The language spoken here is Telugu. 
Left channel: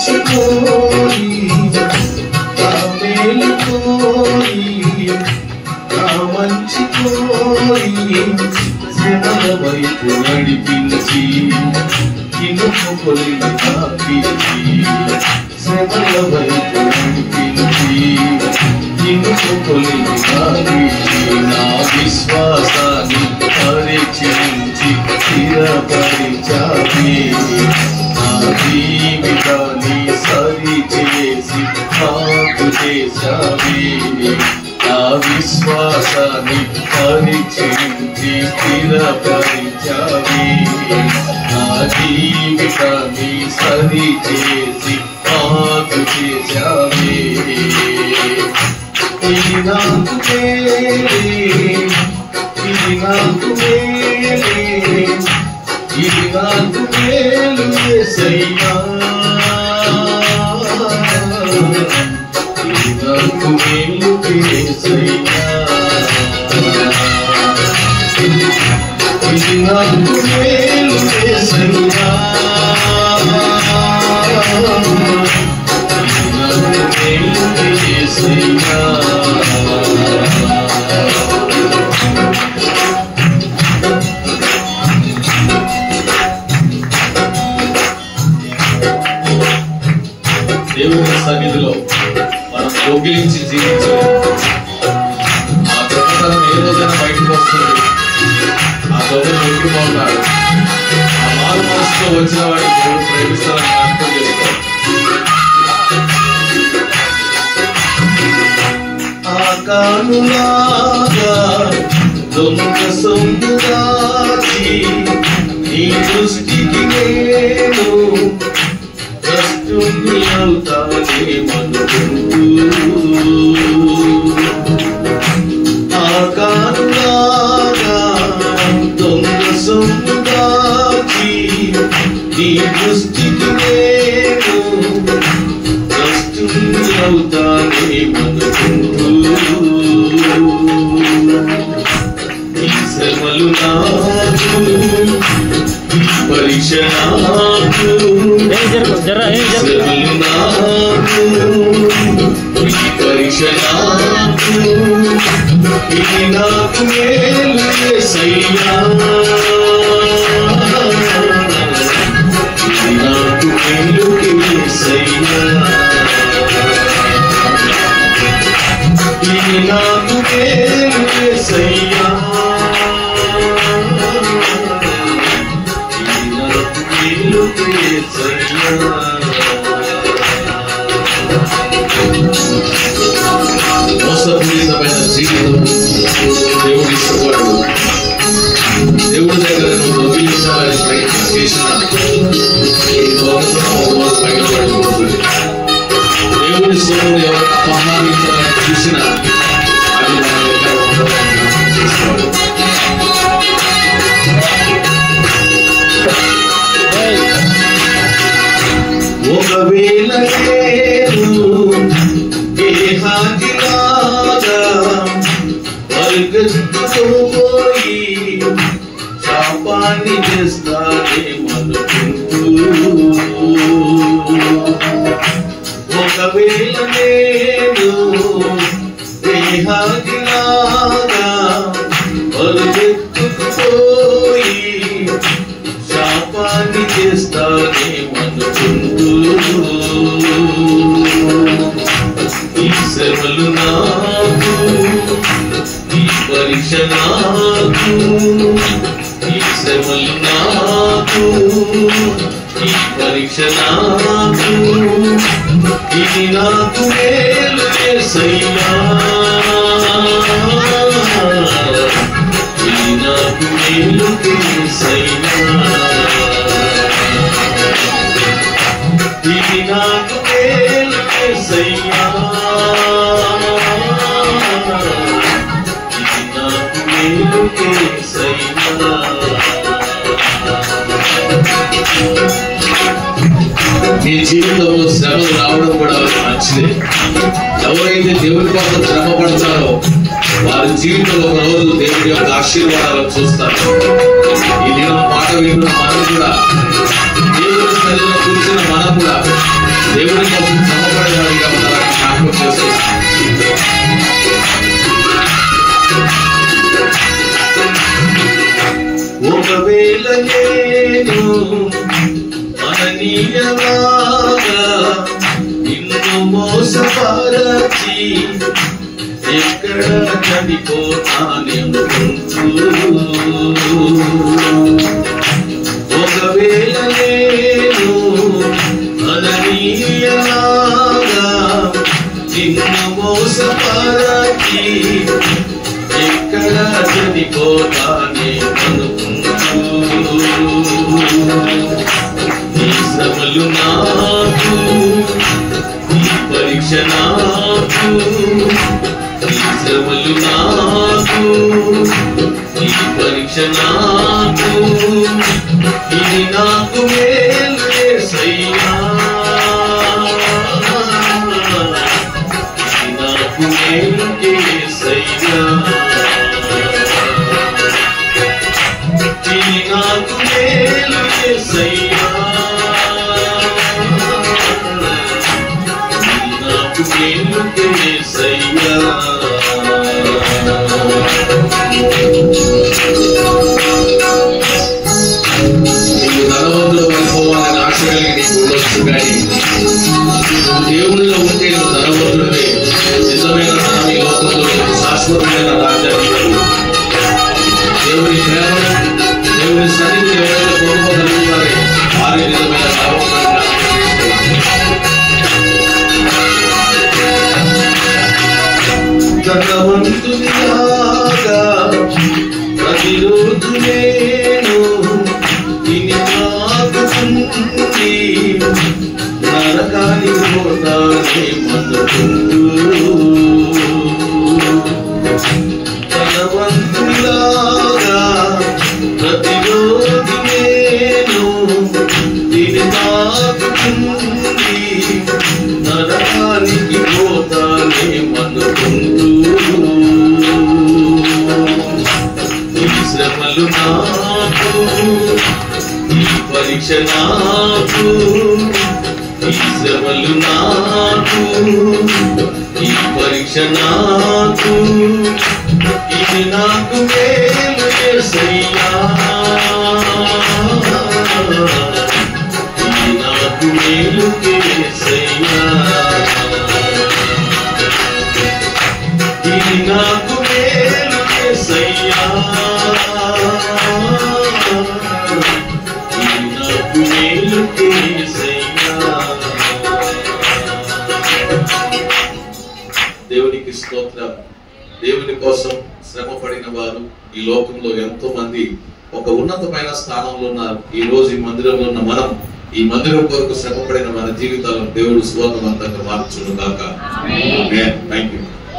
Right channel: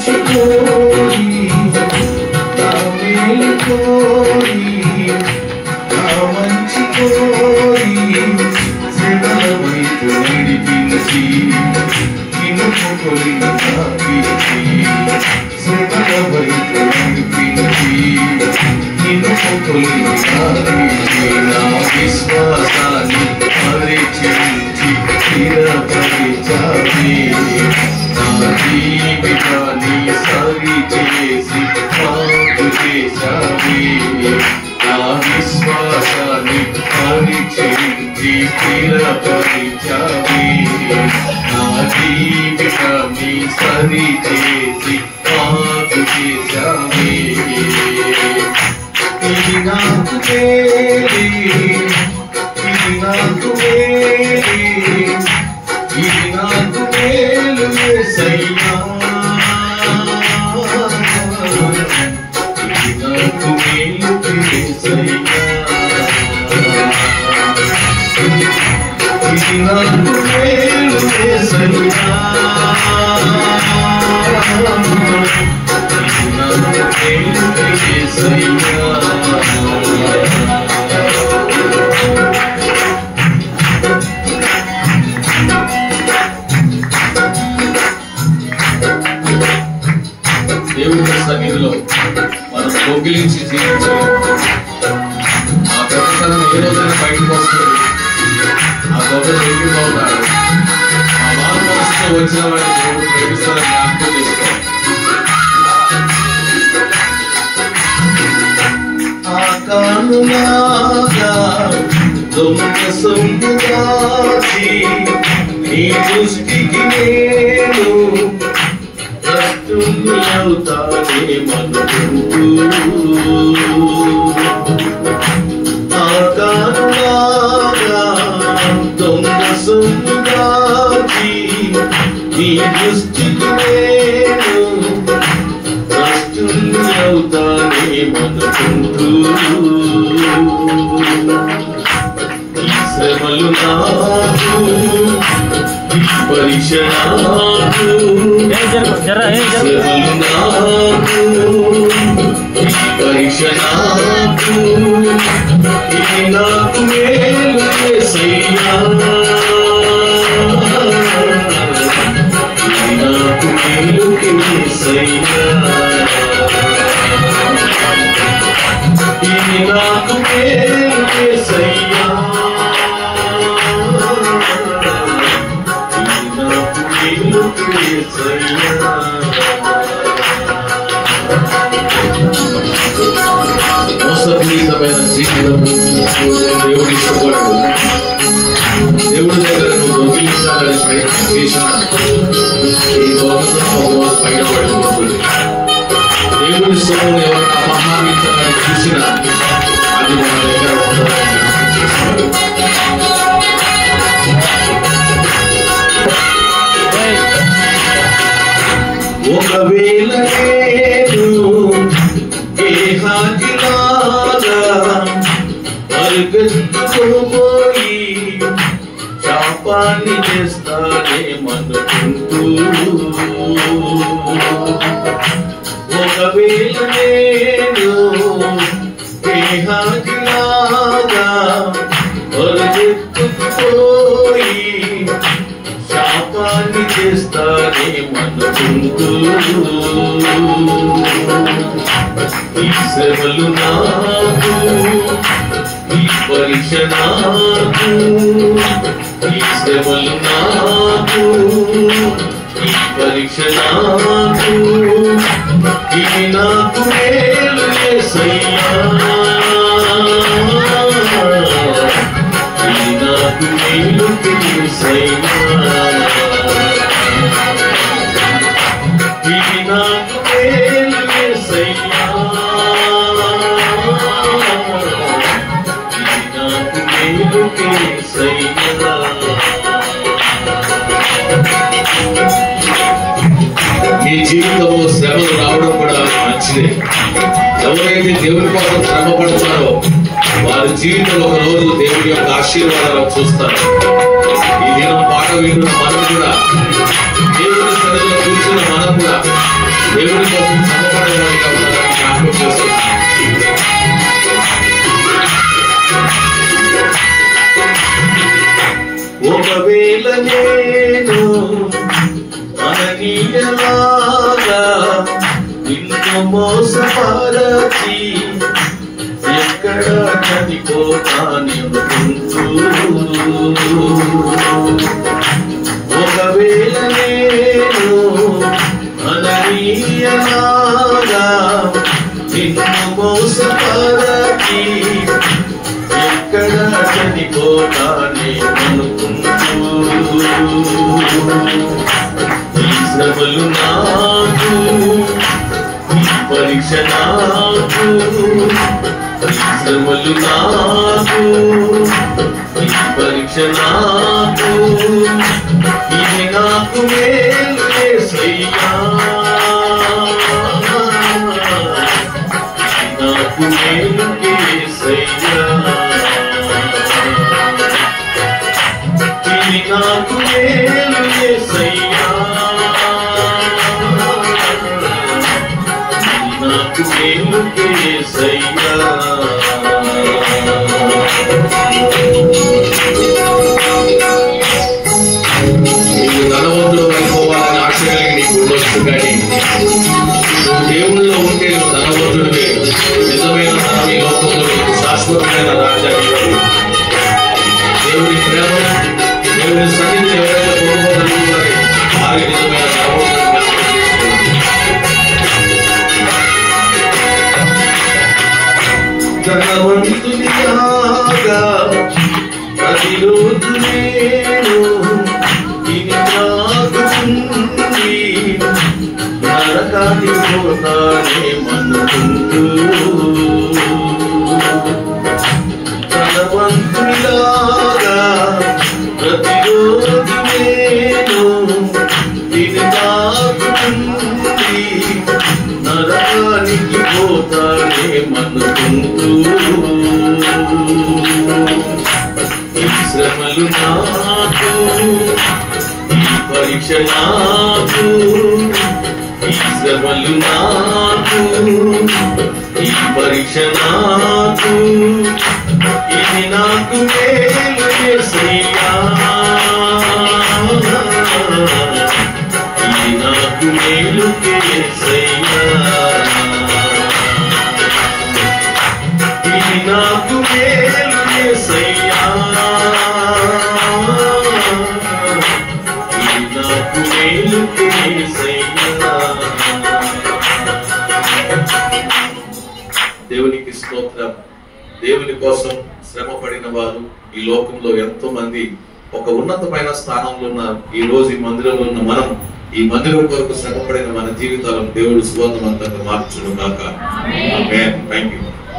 మంచి కోరి నా మేలు కోరి నా మంచి కోరి శ్రమల వైపు నడిపించి ఇనుము కొలిమి నాకించి శ్రమల వైపు నడిపించి ఇనుము కొలిమి నాకించి నా విశ్వాసాన్ని పరీక్షించి స్థిరపరిచావే నా జీవితాన్ని సరిచేసి మాకు చేశావే నా విశ్వాసాన్ని పరీక్షించి స్థిరపరిచావే నా జీవితాన్ని సరిచేసి మాకు చేశావే ఇది నాకు మేలే ఇది నాకు మేలే ఇది నాకు మేలు యేసయ్యా ఇది నాకు మేలు యేసయ్యా ఇది నాకు మేలు యేసయ్యా ఇది నాకు మేలు యేసయ్యా దేవుని సన్నిధిలో మనం దొంగిలించి జీవించలేము. ఆ గొప్పతనం ఏ రోజైనా బయటకు వస్తుంది. ఆ గొప్ప దొరికిపోతాడు. ఆ మారు మనసుతో వచ్చిన వాడిని దేవుడు ప్రేమిస్తారని జ్ఞాపకం చేసుకోవాలి. ఆకానులాగా దొంగ సొందురాజి నీ దృష్టికి నేను అవుతానే మనుకుంటూ ఆకారులాగా దొంగ సొంతుగాచి నీ దృష్టికి నేను కష్టుని అవుతానే మనుకుంటూ ఈ శ్రమలు నాకు ఈ పరీక్ష నాకు శ్రమలు నాకు ఈ పరీక్ష నాకు ఇది నాకు మేలు యేసయ్యా ఇది నాకు మేలు యేసయ్యా ఇది నాకు మేలు యేసయ్యా మోసపూరితమైన జీవితం దేవుడు ఇష్టపడడు. దేవుడి దగ్గర నువ్వు దొంగిలించాలని ప్రయత్నం చేసిన ఈ దొంగతనం పైన పడిపోతుంది. దేవుడి సొమ్మును ఎవరైనా అపహరించాలని చూసినా అది మన దగ్గర చేస్తాడు. ఒకవేళ నేను దేహాదిలాగా పరిగెత్తుకుపోయి శాపాన్ని చేస్తానేమనుకుంటూ ఒకవేళ నేను దేహాదిలాగా పరిగెత్తుకుపోయి శాపాన్ని చేస్తానేమనుకుంటూ ఈ శ్రమలు నాకు ఈ పరీక్ష నాకు ఈ శ్రమలు నాకు ఈ పరీక్ష నాకు ఇది నాకు మేలు యేసయ్యా ఇది నాకు మేలు యేసయ్యా ఇది నాకు మేలు యేసయ్యా ఇది నాకు మేలు యేసయ్యా మీ జీవితంలో శ్రమలు రావడం కూడా మంచిదే. ఎవరైతే దేవుని కోసం శ్రమ పడతారో వారి జీవితంలో ఒక రోజు దేవుడి యొక్క ఆశీర్వాదాలు చూస్తారు. ఈ దినం మాట విన్న మనం కూడా దేవుని సన్నిధిలో కూర్చున్న మనం కూడా దేవుని కోసం శ్రమపడేవాడిగా ఉండాలని జ్ఞాపకం చేస్తున్నాను. ఒకవేళ నేను అననీయలాగా నిన్ను మోసపరచి ఎక్కడ చనిపోతానెందుకుంటూ, ఒకవేళ నేను అననీయలాగా నిన్ను మోసపరచి ఎక్కడ చనిపోతానే అనుకుంటూ, ఈ శ్రమలు నాకు, ఈ పరీక్ష నాకు, ఈ శ్రమలు నాకు, ఈ పరీక్ష నాకు, ఇది నాకు మేలు యేసయ్యా, ఇది నాకు మేలు యేసయ్యా, ఇది నాకు మేలు యేసయ్యా, ఇది నాకు మేలు యేసయ్యా. నీకు ధనవంతుడు అయిపోవాలని ఆశ కలిగి నీకు ఉండొచ్చు, కానీ నువ్వు దేవుల్లో ఉంటే నువ్వు ధనవంతుడివే. నిజమైన ధనం ఈ లోకంలో శాశ్వతమైన రాజ్యాన్ని, దేవుని ప్రేమను, దేవుని సన్నిధిని ఎవరైతే కోరుకోగలుగుతారో వారి నిజమైన ధనవంతునిలాగా ప్రతిరోజు నేను తిని త్రాగుతుంది, నరకాన్ని పోతానే మన్నుకుంటూ, ధనవంతునిలాగా ప్రతిరోజు నేను తిని త్రాగుతుంది, నరకానికి పోతానే మన్నుకుంటూ, ఈ శ్రమలు నాకు, ఈ పరీక్ష నాకు, ఈ శ్రమలు నాకు, ఈ పరీక్ష నాకు, ఇది నాకు మేలు యేసయ్యా, ఇది నాకు మేలు యేసయ్యా, ఇది నాకు మేలు యేసయ్యా, ఇది నాకు మేలు యేసయ్యా. దేవునికి స్తోత్రం. దేవుని కోసం శ్రమ పడిన వారు ఈ లోకంలో ఎంతో మంది ఒక ఉన్నతమైన స్థానంలో ఉన్నారు. ఈ రోజు ఈ మందిరంలో ఉన్న మనం ఈ మందిరం కొరకు శ్రమ పడిన మన జీవితాలను దేవుడు సువర్ణవంతంగా మార్చును గాక. ఆమేన్. థాంక్యూ.